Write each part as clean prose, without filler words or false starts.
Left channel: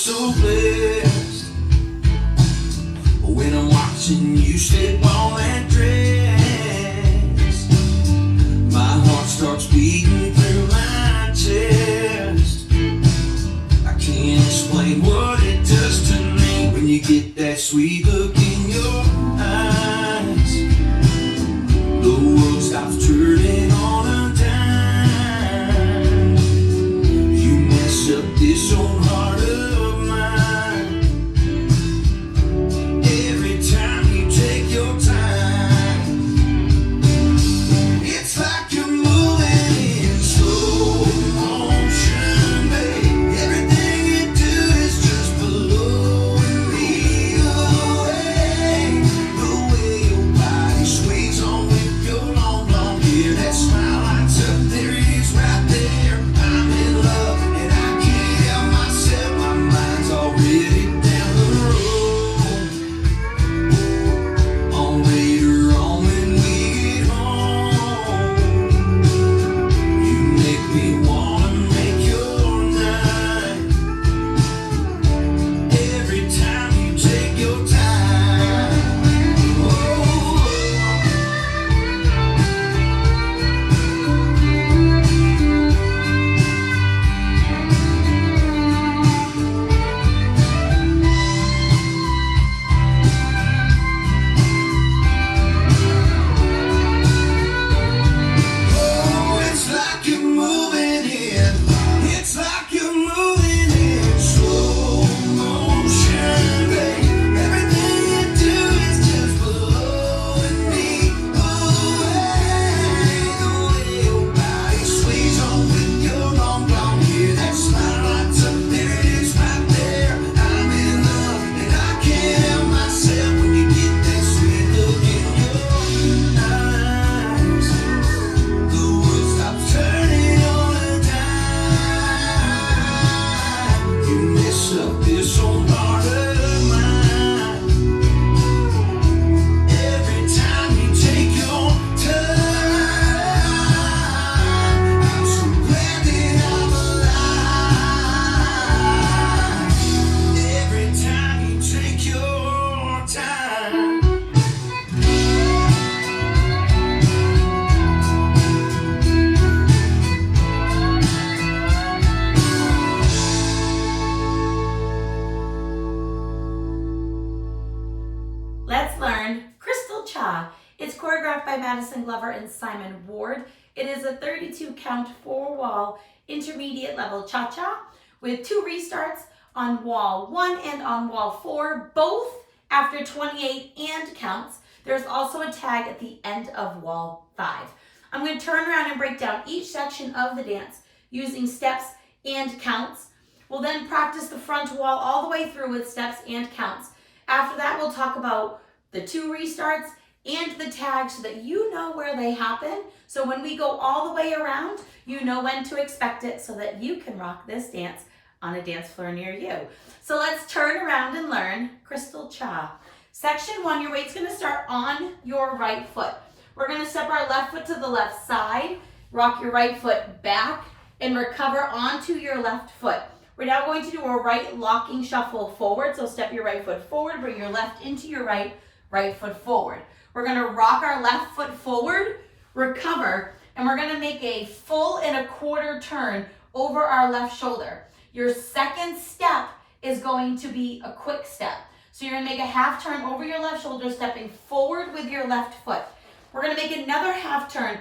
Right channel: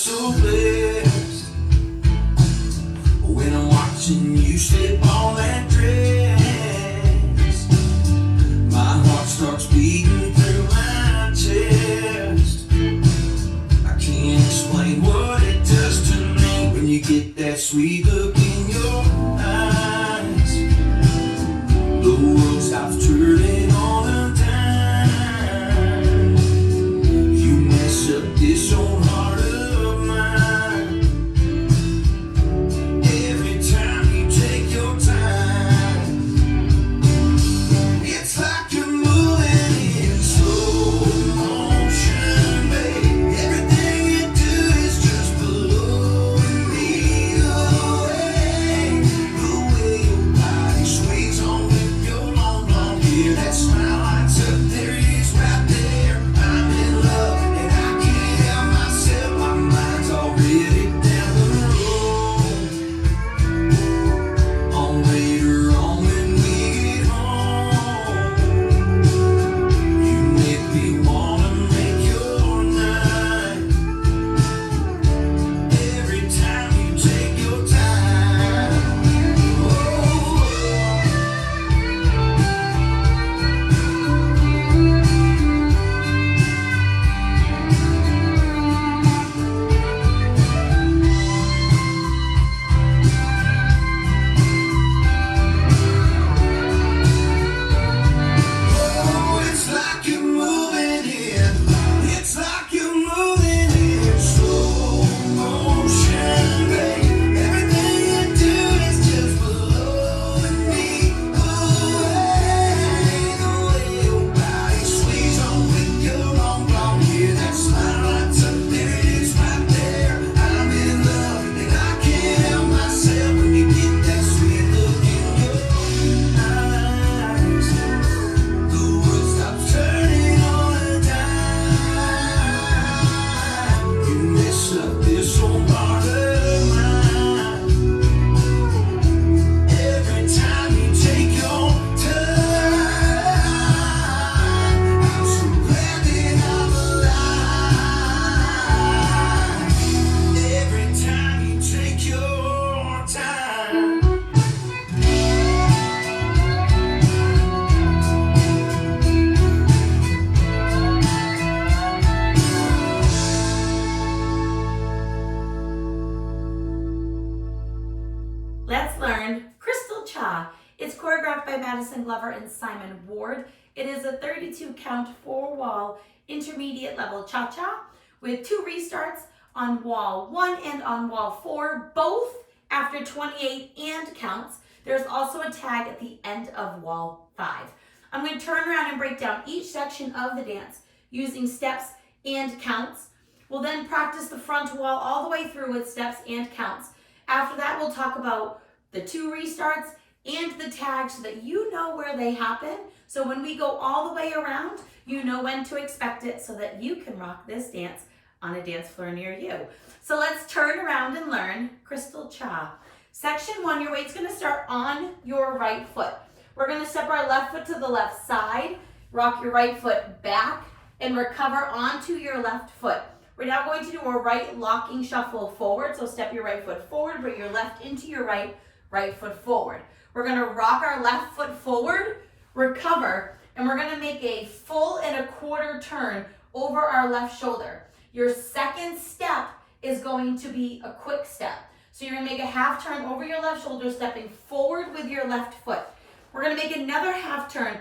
so blessed when I'm watching you slip on that dress. My heart starts beating through my chest. I can't explain what it does to me when you get that sweet look in your eyes. The world stops turning on a dime. You mess up this old heart of mine. Every time you take your time, it's like you're moving in slow motion, babe. Everything you do is just blowing me away. The way your body sways on with your long blonde hair, that smile lights up there, it is right there. I'm in love and I can't help myself. My mind's already down the road. On later on when we get home, you make me wanna make your night. Every time you take your time. It's like you're moving in. It's like you're moving in slow motion, babe. Everything you do is just blowing me away. The way your body sways on with your long blonde hair, that smile lights up there, it is right there. I'm in love and I can't help myself when you get that sweet look in your eyes. The world stops turning on a dime. You mess up this old heart of mine. Every time you take your time, I'm so glad that I'm alive. Every time you take your time. Let's learn Crystal Cha. It's choreographed by Maddison Glover and Simon Ward. It is a 32 count 4-wall intermediate level cha-cha with 2 restarts on wall 1 and on wall 4, both after 28 and counts. There's also a tag at the end of wall 5. I'm going to turn around and break down each section of the dance using steps and counts. We'll then practice the front wall all the way through with steps and counts. After that, we'll talk about the 2 restarts and the tags so that you know where they happen. So when we go all the way around, you know when to expect it so that you can rock this dance on a dance floor near you. So let's turn around and learn Crystal Cha. Section 1, your weight's gonna start on your right foot. We're gonna step our left foot to the left side, rock your right foot back, and recover onto your left foot. We're now going to do a right locking shuffle forward. So step your right foot forward, bring your left into your right foot forward. We're gonna rock our left foot forward, recover, and we're gonna make a full and a quarter turn over our left shoulder. Your second step is going to be a quick step. So you're gonna make a half turn over your left shoulder, stepping forward with your left foot. We're gonna make another half turn,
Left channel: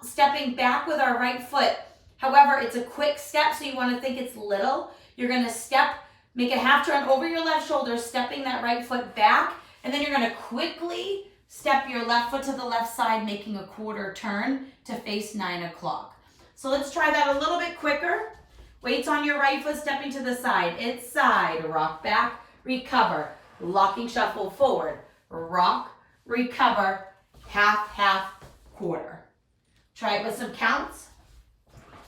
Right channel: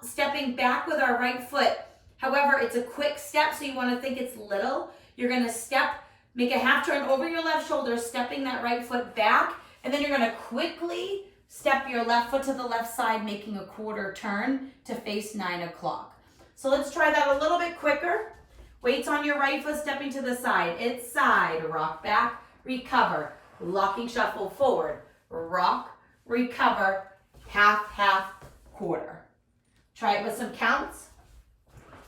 stepping back with our right foot. However, it's a quick step, so you want to think it's little. You're going to step, make a half turn over your left shoulder, stepping that right foot back, and then you're going to quickly step your left foot to the left side, making a quarter turn to face 9 o'clock. So let's try that a little bit quicker. Weights on your right foot, stepping to the side. It's side, rock back, recover, locking shuffle forward, rock, recover, half, half, quarter. Try it with some counts.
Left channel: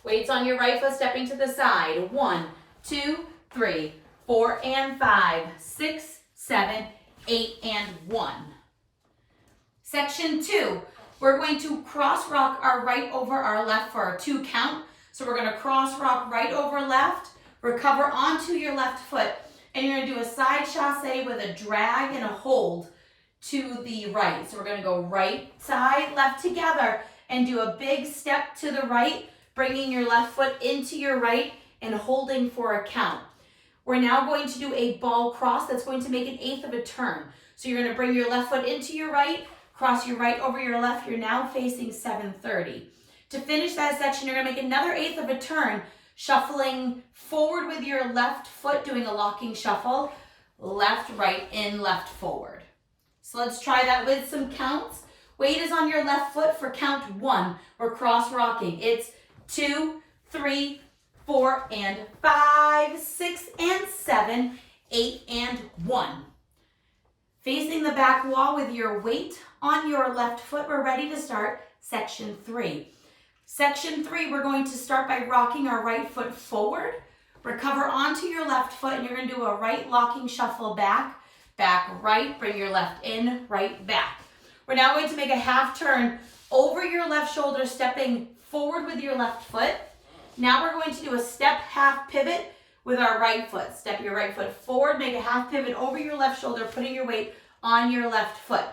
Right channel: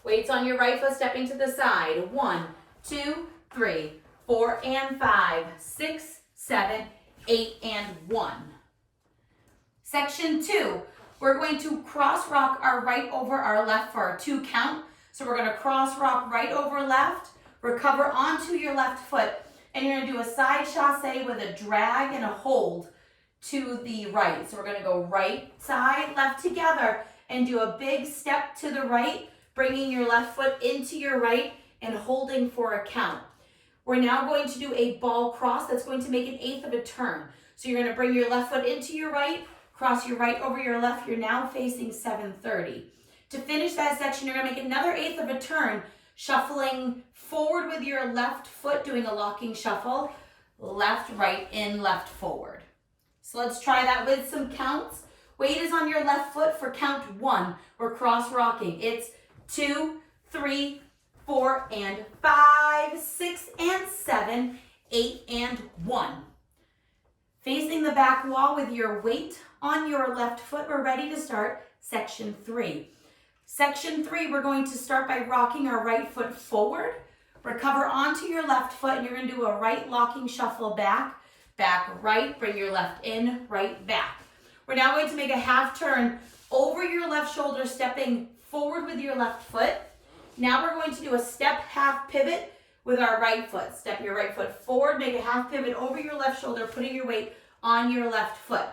Weights on your right foot, stepping to the side. 1, 2, 3, 4, and 5, 6, 7, 8, and 1. Section 2, we're going to cross rock our right over our left for a 2 count. So we're going to cross rock right over left, recover onto your left foot, and you're gonna do a side chassé with a drag and a hold to the right. So we're gonna go right side, left together, and do a big step to the right, bringing your left foot into your right and holding for a count. We're now going to do a ball cross that's going to make an eighth of a turn. So you're gonna bring your left foot into your right, cross your right over your left. You're now facing 730. To finish that section, you're gonna make another eighth of a turn, shuffling forward with your left foot, doing a locking shuffle, left, right, in, left, forward. So let's try that with some counts. Weight is on your left foot for count 1. We're cross rocking. It's 2, 3, 4, and 5, 6, and 7, 8, and 1. Facing the back wall with your weight on your left foot, we're ready to start section 3. Section 3, we're going to start by rocking our right foot forward, recover onto your left foot, and you're going to do a right locking shuffle back, back, right, bring your left in, right, back. We're now going to make a half turn over your left shoulder, stepping forward with your left foot. Now we're going to do a step half pivot with our right foot. Step your right foot forward, make a half pivot over your left shoulder, putting your weight on your left foot.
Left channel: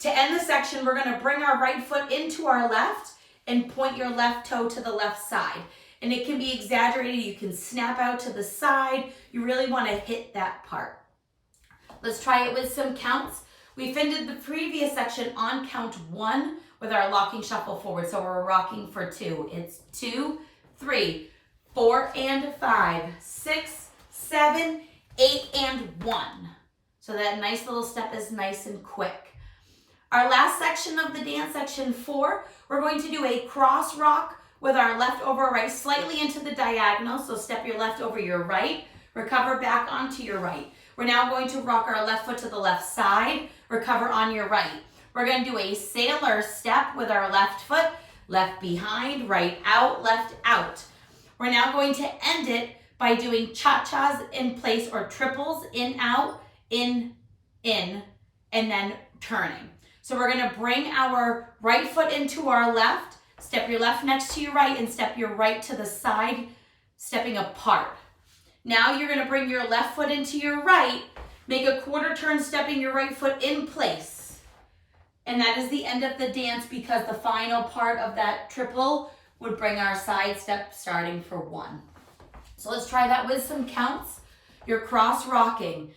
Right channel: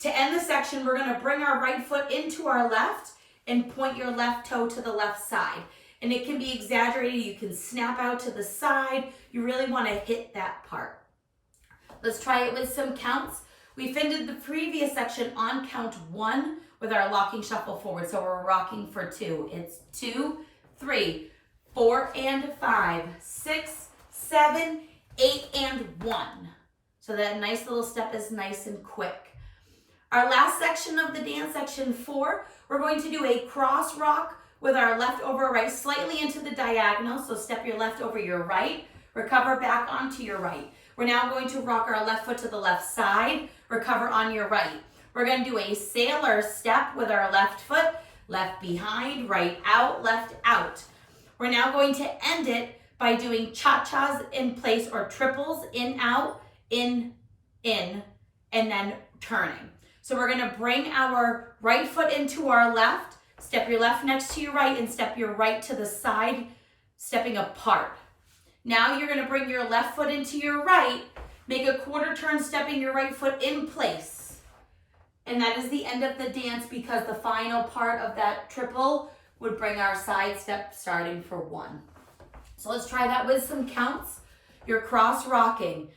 To end the section, we're going to bring our right foot into our left and point your left toe to the left side. And it can be exaggerated. You can snap out to the side. You really want to hit that part. Let's try it with some counts. We ended the previous section on count 1 with our locking shuffle forward. So we're rocking for 2. It's 2, 3, 4, and 5, 6, 7, 8, and 1. So that nice little step is nice and quick. Our last section of the dance, section 4, we're going to do a cross rock with our left over our right, slightly into the diagonal. So step your left over your right, recover back onto your right. We're now going to rock our left foot to the left side, recover on your right. We're going to do a sailor step with our left foot, left behind, right out, left out. We're now going to end it by doing cha-chas in place, or triples, in, out, in, and then turning. So we're going to bring our right foot into our left, step your left next to your right, and step your right to the side, stepping apart. Now you're going to bring your left foot into your right, make a quarter turn, stepping your right foot in place. And that is the end of the dance, because the final part of that triple would bring our side step starting for 1. So let's try that with some counts. You're cross rocking.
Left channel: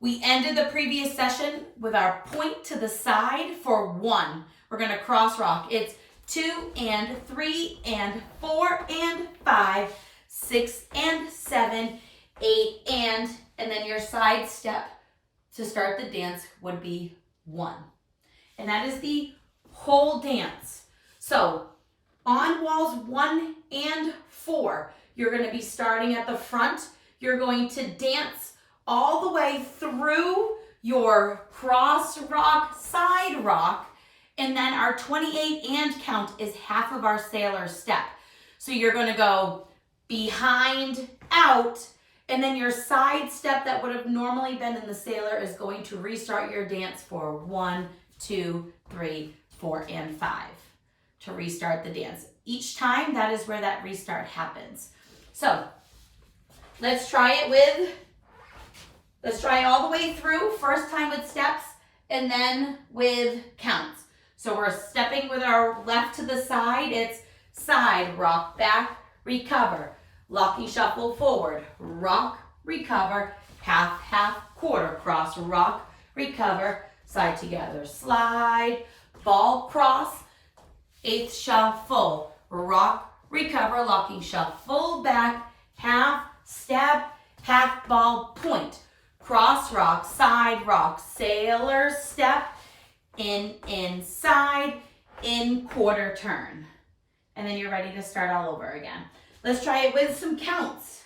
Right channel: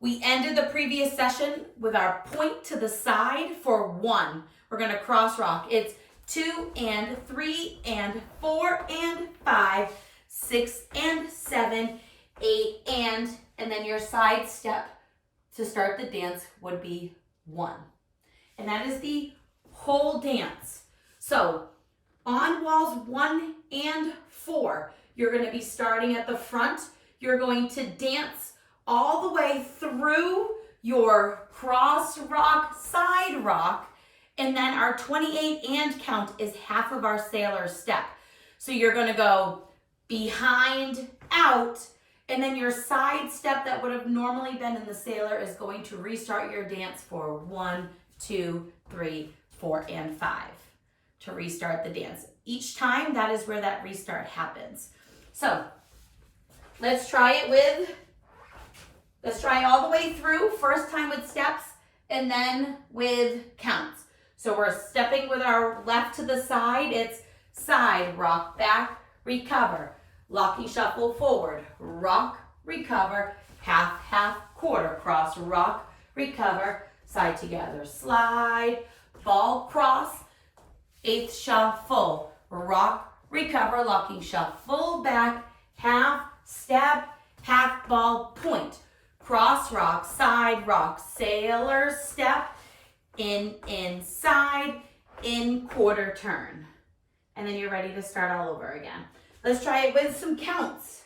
We ended the previous session with our point to the side for 1. We're going to cross rock. It's 2 and 3 and 4 and 5, 6 and 7, 8 and then your side step to start the dance would be 1. And that is the whole dance. So on walls 1 and 4, you're going to be starting at the front. You're going to dance all the way through your cross rock, side rock, and then our 28 and count is half of our sailor step. So you're going to go behind, out, and then your side step that would have normally been in the sailor is going to restart your dance for 1, 2, 3, 4, and 5 to restart the dance. Each time, that is where that restart happens. So let's try all the way through. First time with steps and then with counts. So we're stepping with our left to the side. It's side, rock, back, recover. Locking shuffle forward, rock, recover, half, half, quarter, cross, rock, recover, side together, slide, ball, cross, eighth shuffle, rock, recover, locking shuffle, back, half, step, half, ball, point, cross, rock, sailor, step, in, inside, in, quarter turn. And then you're ready to start all over again. Let's try it with some counts.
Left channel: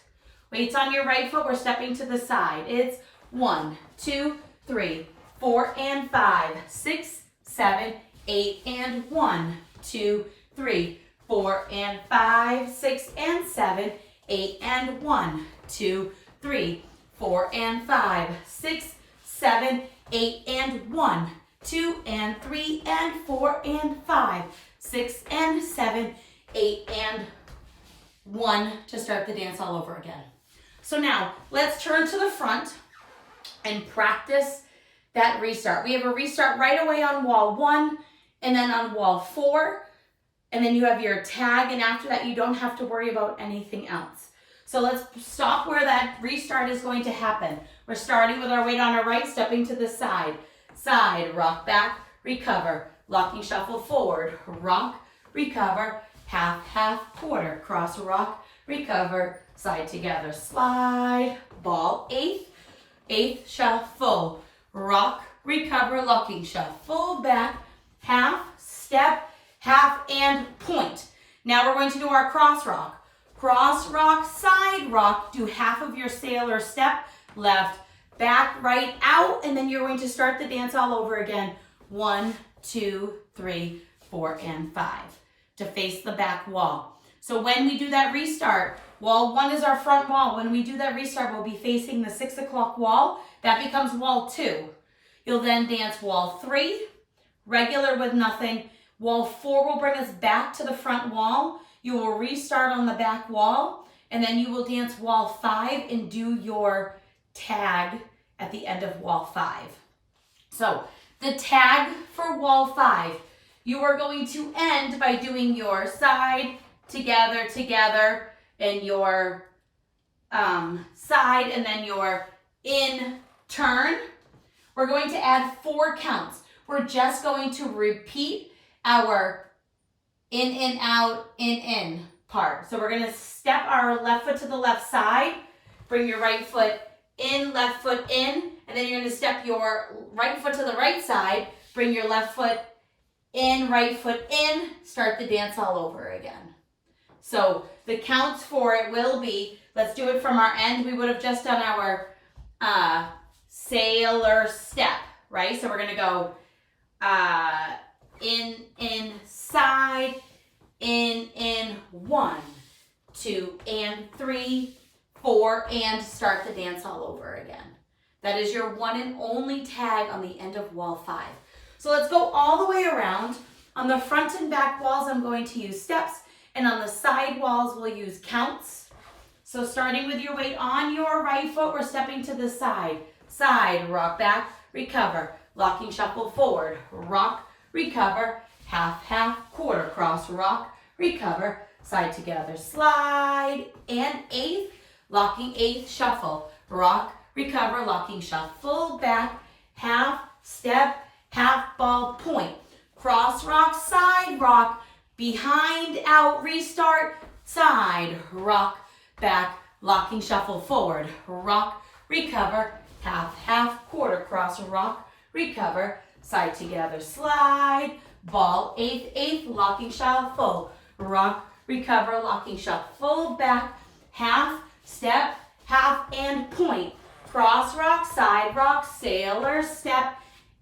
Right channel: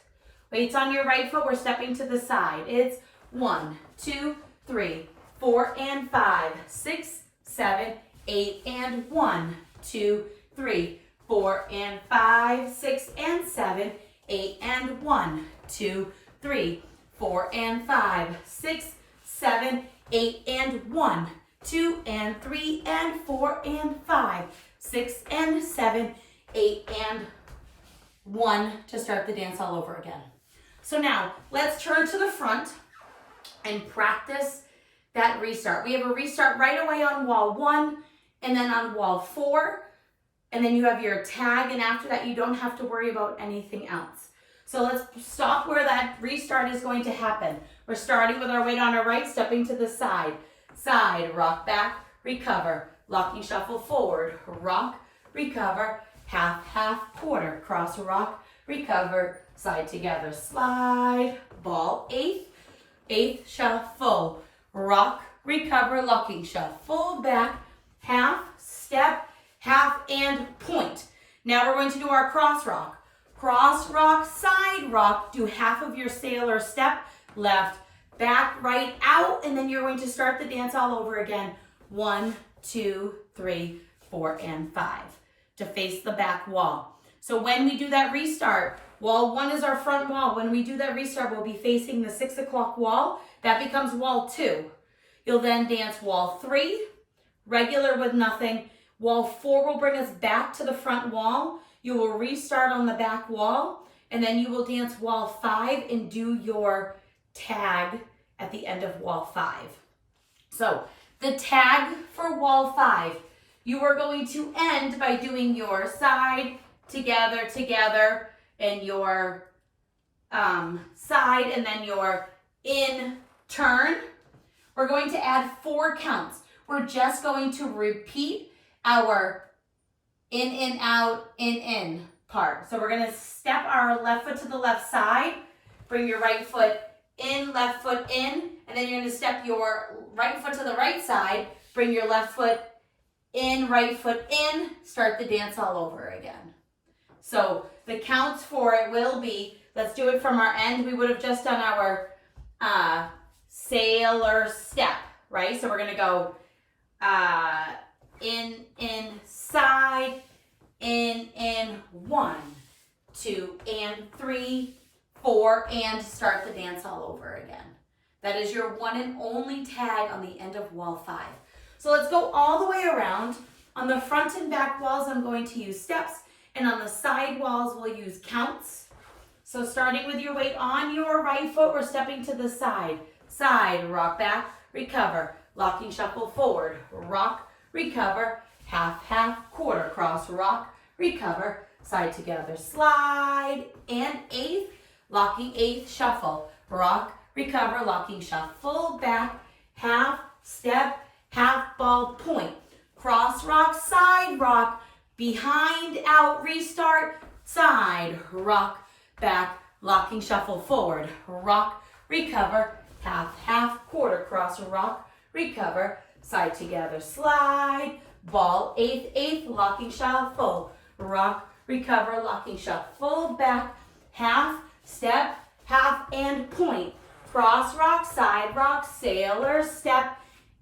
Weights on your right foot, we're stepping to the side. It's 1, 2, 3, 4, and 5, 6, 7, 8, and 1, 2, 3, 4, and 5, 6, and 7, 8, and 1, 2, 3, 4, and 5, 6, 7, 8, and 1, 2, and 3, and 4, and 5, 6, and 7, 8, and 1 to start the dance all over again. So now let's turn to the front and practice that restart. We have a restart right away on wall 1 and then on wall 4. And then you have your tag, and after that you don't have to worry about anything else. So let's stop where that restart is going to happen. We're starting with our weight on our right, stepping to the side. Side, rock back, recover. Locking shuffle forward, rock, recover, half, half, quarter. Cross, rock, recover, side together. Slide, ball, eighth, shuffle. Rock, recover, locking shuffle, back, half, step, half, and point. Now we're going to do our cross rock. Cross rock, side rock, do half of your sailor step, left, back, right, out, and then you're going to start the dance all over again. 1, 2, 3, 4, and 5 to face the back wall. So when we do that restart, wall 1 is our front wall. When we do that restart, we'll be facing the 6 o'clock wall. That becomes wall 2. You'll then dance wall 3, regular with nothing. Wall 4 will bring us back to the front wall. You will restart on the back wall, and then you will dance wall 5 and do your tag at the end of wall 5. So the tag for wall 5, you are going to end by doing your side, together, together, and your side, and then your in, turn. We're going to add 4 counts. We're just going to repeat our in, out, in part. So we're going to step our left foot to the left side, bring your right foot in, left foot in, and then you're going to step your right foot to the right side, bring your left foot in, right foot in, start the dance all over again. So the counts for it will be, let's do it from our end. We would have just done our sailor step, right? So we're going to go in, side, in, 1, 2, and 3, 4, and start the dance all over again. That is your one and only tag on the end of wall 5. So let's go all the way around. On the front and back walls, I'm going to use steps, and on the side walls, we'll use counts. So starting with your weight on your right foot, we're stepping to the side. Side, rock back, recover. Locking shuffle forward, rock, recover, half, half, quarter, cross, rock, recover, side together, slide, and 8th, locking 8th, shuffle, rock, recover, locking shuffle, back, half, step, half, ball, point, cross, rock, side, rock, behind, out, restart, side, rock, back, locking shuffle forward, rock, recover, half, half, quarter, cross, rock, recover, side together, slide, ball, 8th, locking shuffle, rock, recover, locking shuffle, back, half, step, half, and point, cross rock, side rock, sailor step,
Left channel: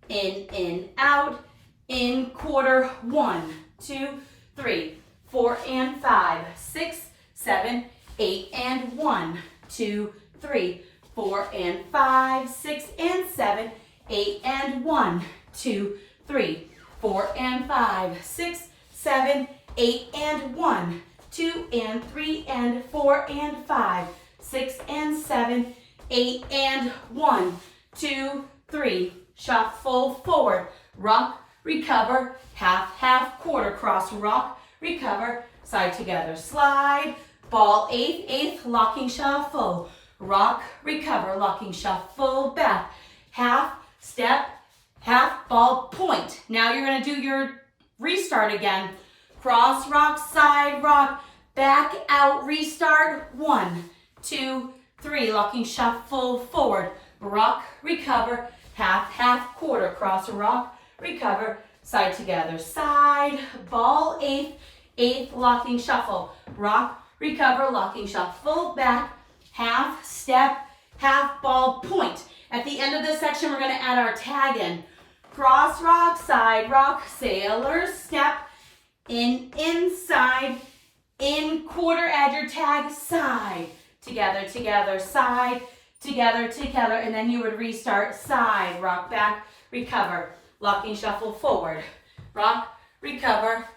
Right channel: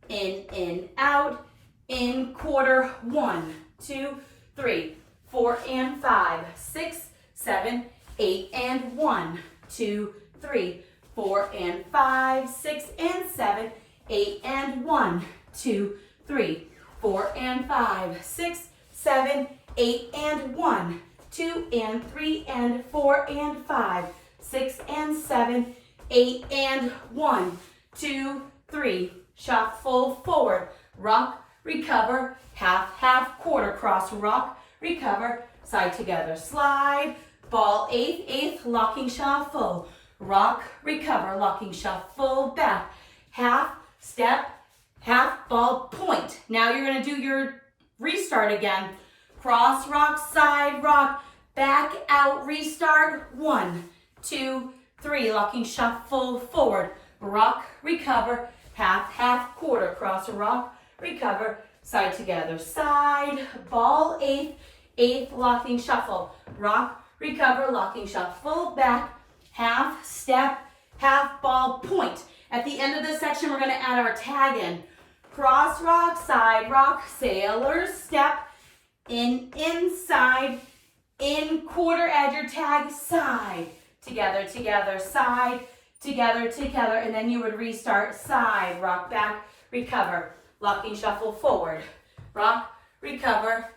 in, out, in, quarter, 1, 2, 3, 4, and 5, 6, 7, 8, and 1, 2, 3, 4, and 5, 6, and 7, 8, and 1, 2, 3, 4, and 5, 6, 7, 8, and 1, 2, and 3, and 4, and 5, 6, and 7, 8, and 1, 2, 3, shuffle forward, rock, recover, half, half, quarter, cross, rock, recover, side together, slide, ball, 8th, locking shuffle, rock, recover, locking shuffle, back, half, step, half, ball, point. Now you're going to do your restart again. Cross rock, side rock, back, out, restart, 1, 2, 3, locking shuffle forward, rock, recover, half, half, quarter, cross, rock, recover, side together, side, ball, 8th, locking shuffle, rock, recover, locking shuffle, back, half, step, half, ball, point. At the end of this section, we're going to add our tag in. Cross rock, side rock, sailor step, in, inside, in, quarter, add your tag, side, together, together, side, together, together, and then you would restart, side, rock back, recover, locking shuffle forward, rock, recover,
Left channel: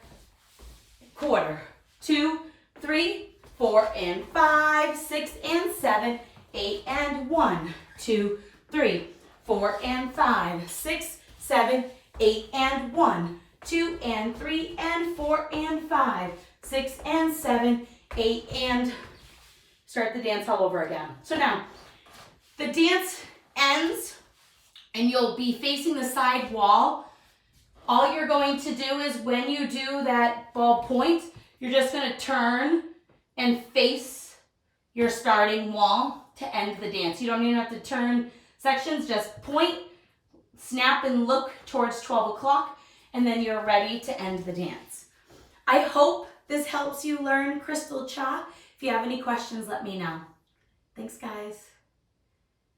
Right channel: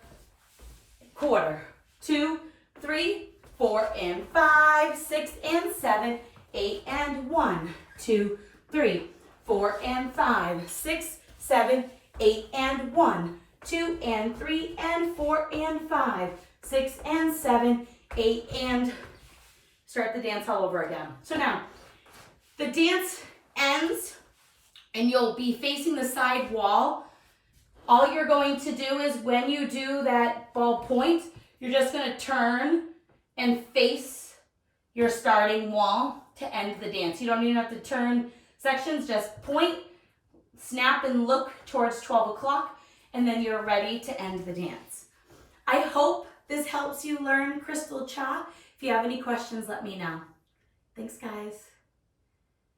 quarter, 2, 3, 4, and 5, 6, and 7, 8 and 1, 2, 3, 4 and 5, 6, 7, 8 and 1, 2 and 3 and 4 and 5, 6 and 7, 8 and start the dance all over again. So now the dance ends and you'll be facing the side wall. All you're going to do is when you do that ball point, you're just going to turn and face your starting wall to end the dance. You don't even have to turn sections, just point, snap and look towards 12 o'clock, and then you're ready to end the dance. I hope this helps you learn Crystal Cha. If you have any questions, let me know. Thanks, guys.